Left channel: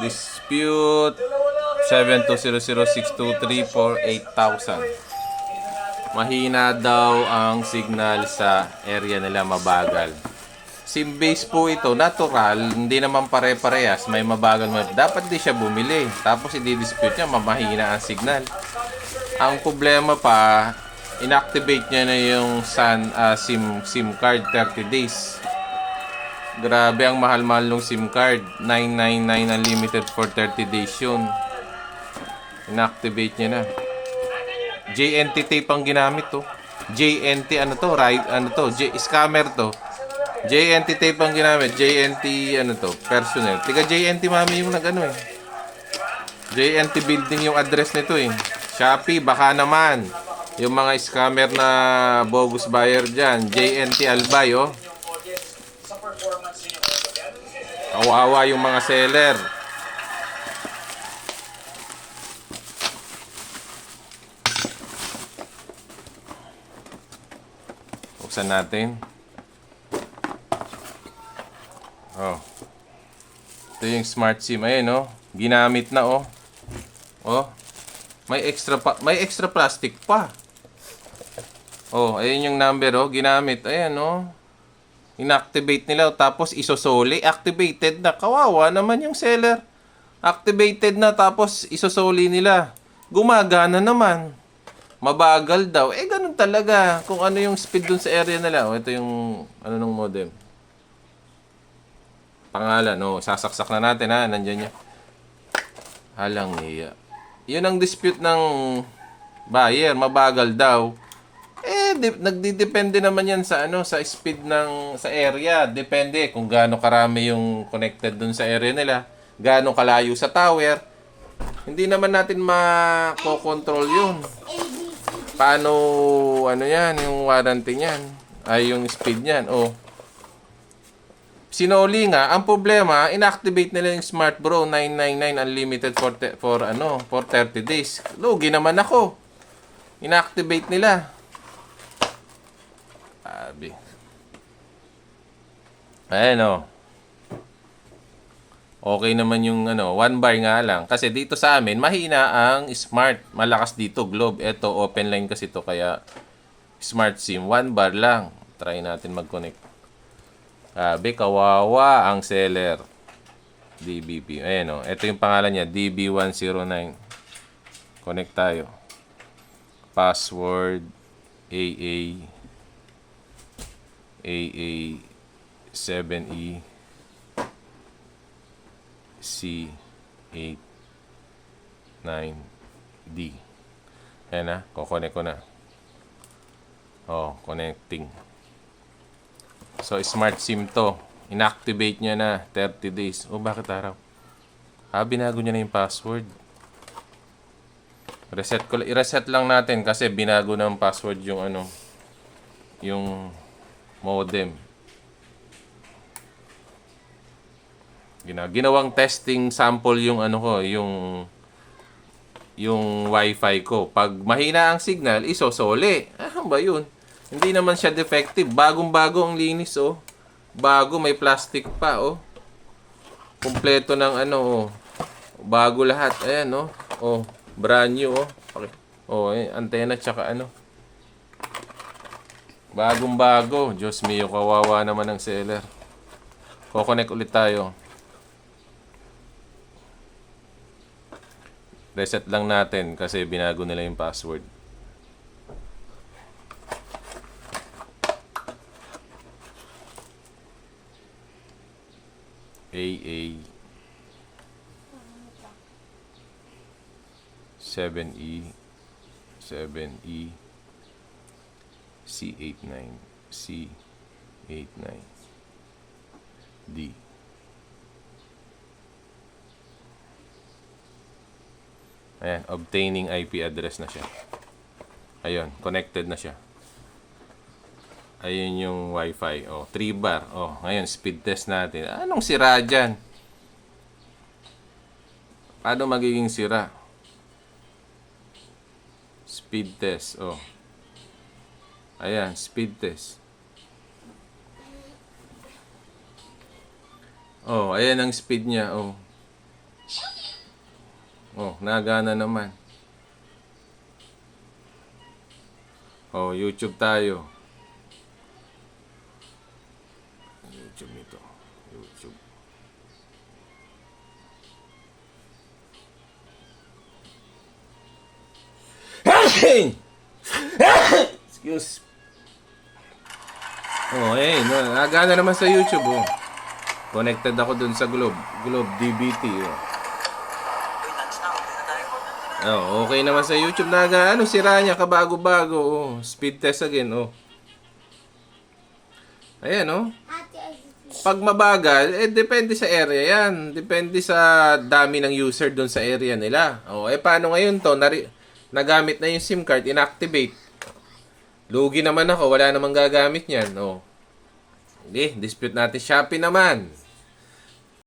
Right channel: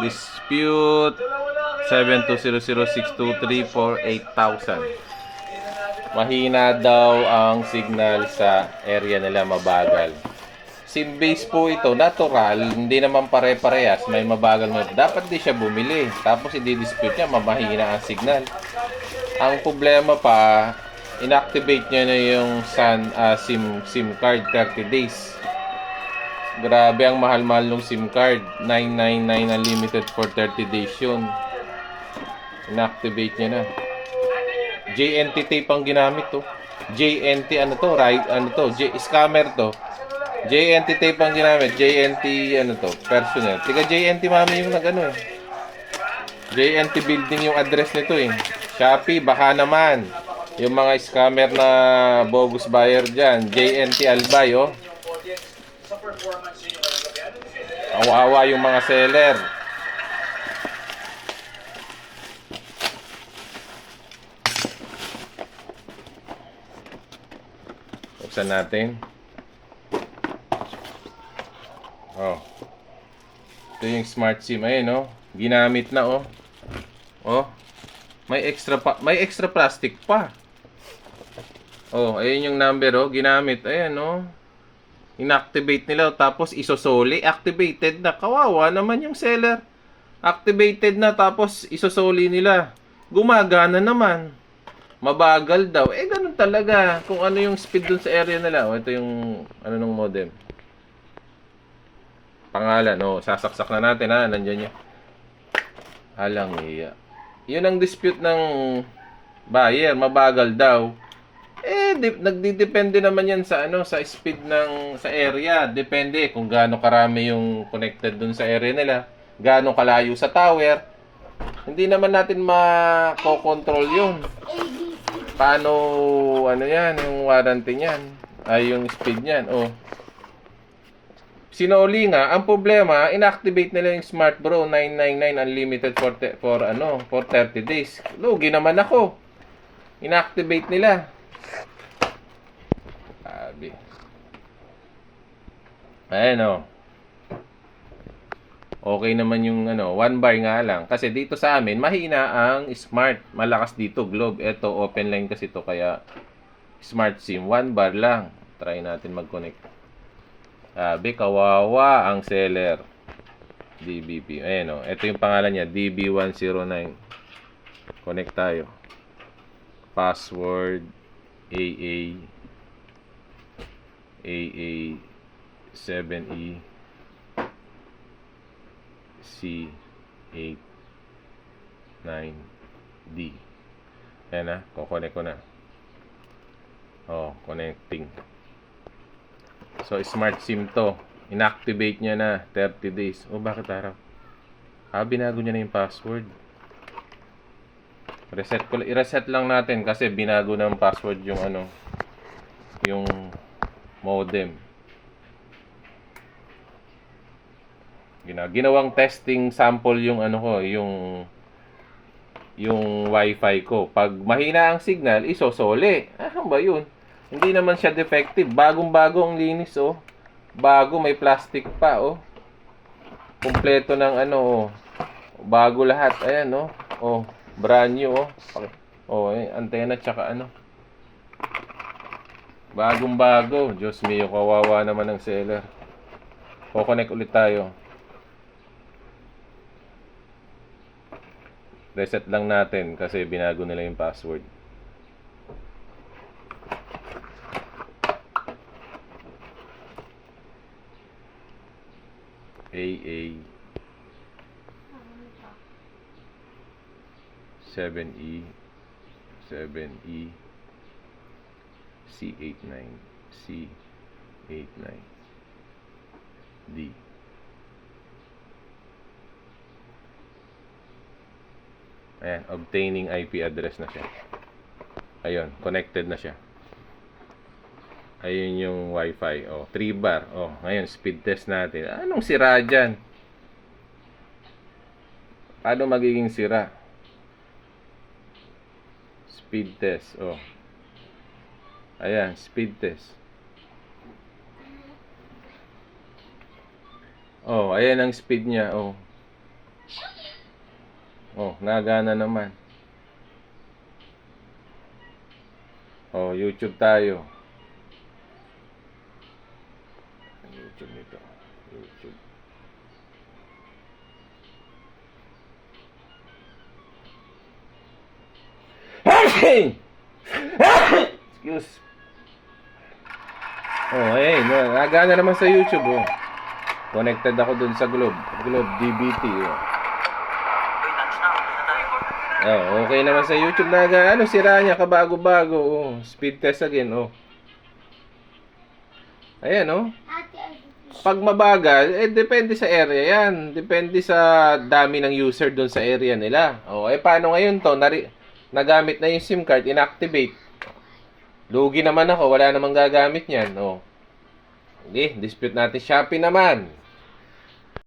Dispute 720062348000. Mahina daw ang signal sa area nila, mabagal. SIM base po ito, natural, hindi naman pare-parehas, may mabagal mo. Dapat di siya bumili. Tapos i-dispute niya, mamahina ang signal. Ang problema pa, inactivate niya na yung SIM card 30 days. Grabe, ang mahal-mahal ng SIM card. 999 unlimited for 30 days yun. Inactivate niya na. JNT tape ang ginamit to. JNT ano to? Scammer to. JNT tape ang ginamit. JNT ano to? Personnel. Tiga JNT mami yung nag-ano eh. JNT building yung address nito eh. Shopee, baka naman. Yung mga scammer na bogus buyer dyan. JNT Albay oh. Kawawa yung mga seller. Buksan natin. Oh. Ito yung smart SIM. Ayun, oh. Ginamit na, oh. Oh. May extra plastic pa. Oh, ayun yung number, oh. Ginamit. Ayan, oh. Inactivate nila, oh. Tapos isosoli. Activated na. Kawawa naman yung seller. Activated na, tapos isosoli nila. Gumagana naman. Mabagal daw. Eh, ganun talaga. Kung ano yung speed dun sa area nila. O, ito yung, ano nung modem. Pangalan, o. Sasaksak na natin, ha. Nandyan niya. Alang iya. Yun ang dispute ng buyer. Mabagal daw. Eh, nagdidepende naman yan sa, ano, sa speed ng, sa area. Depende kung gaano karami yung connected dun sa area nila. Gaano kalayo sa tower. Hindi naman natin makokontrol yun. Paano, ano yan, yung warranty niyan? Ay, yung speed niyan. Oh. Sinoli nga, ang problema, inactivate nila yung Smart Bro 999 unlimited for 30 days. Lugi naman ako. Inactivate nila. Sabi. Ayan oh. Okay naman yung ano, one bar nga lang. Kasi dito sa amin, mahina ang smart. Malakas dito, globe. Ito, open line kasi to kaya smart SIM. One bar lang. Try natin mag-connect. Sabi, kawawa ang seller. DBP. Ayan o. Ito yung pangalan niya, DB109. Connect tayo. Password, AA7E. C89D. Ayan na, kukonek ko na. Oh, connecting. So, smart SIM to. Inactivate niya na 30 days. Oh, bakit araw? Binago niya na yung password. I-reset lang natin kasi binago na yung password yung ano, yung modem. Ginawang testing sample yung ano ko, yung wifi ko. Pag mahina ang signal, isosole. Ano ba yun? Hindi naman siya defective. Bagong-bago ang linis, oh. Bago, may plastic pa, oh. Kompleto ng ano, oh. Bago lahat. Ayan, oh. Oh, brand new, oh. Okay. Oh, antena tsaka ano. Bagong-bago. Diyos mio, kawawa naman ang seller. Connect ulit tayo. Reset lang natin kasi binago nila yung password. AA 7E C89 D. Ayan, obtaining IP address na siya. Ayun, connected na siya. Ayun yung wifi. Oh, 3 bar. Oh, ngayon, speed test natin. Anong sira dyan? Paano magiging sira? Speed test. Oh. Ayan, speed test. Oh, ayan ang speed niya. Oh. Oh, nagana naman. Oh, YouTube tayo. YouTube nito. YouTube. Excuse. Oh, nagana naman sa YouTube, oh. Connected ako dun sa Globe. Globe DBT, oh. Oh, okay naman sa YouTube na ano, sira niya kabago-bago, oh. Speed test again, oh. Ayan, oh. Pag mabagal, depende sa area yan. Depende sa dami ng user doon sa area nila. Oh, paano ngayon to? Nagamit na yung SIM card, inactivate. Lugi naman ako, wala namang gagamit niyan. Oh. Hindi, dispute natin. Shopee naman.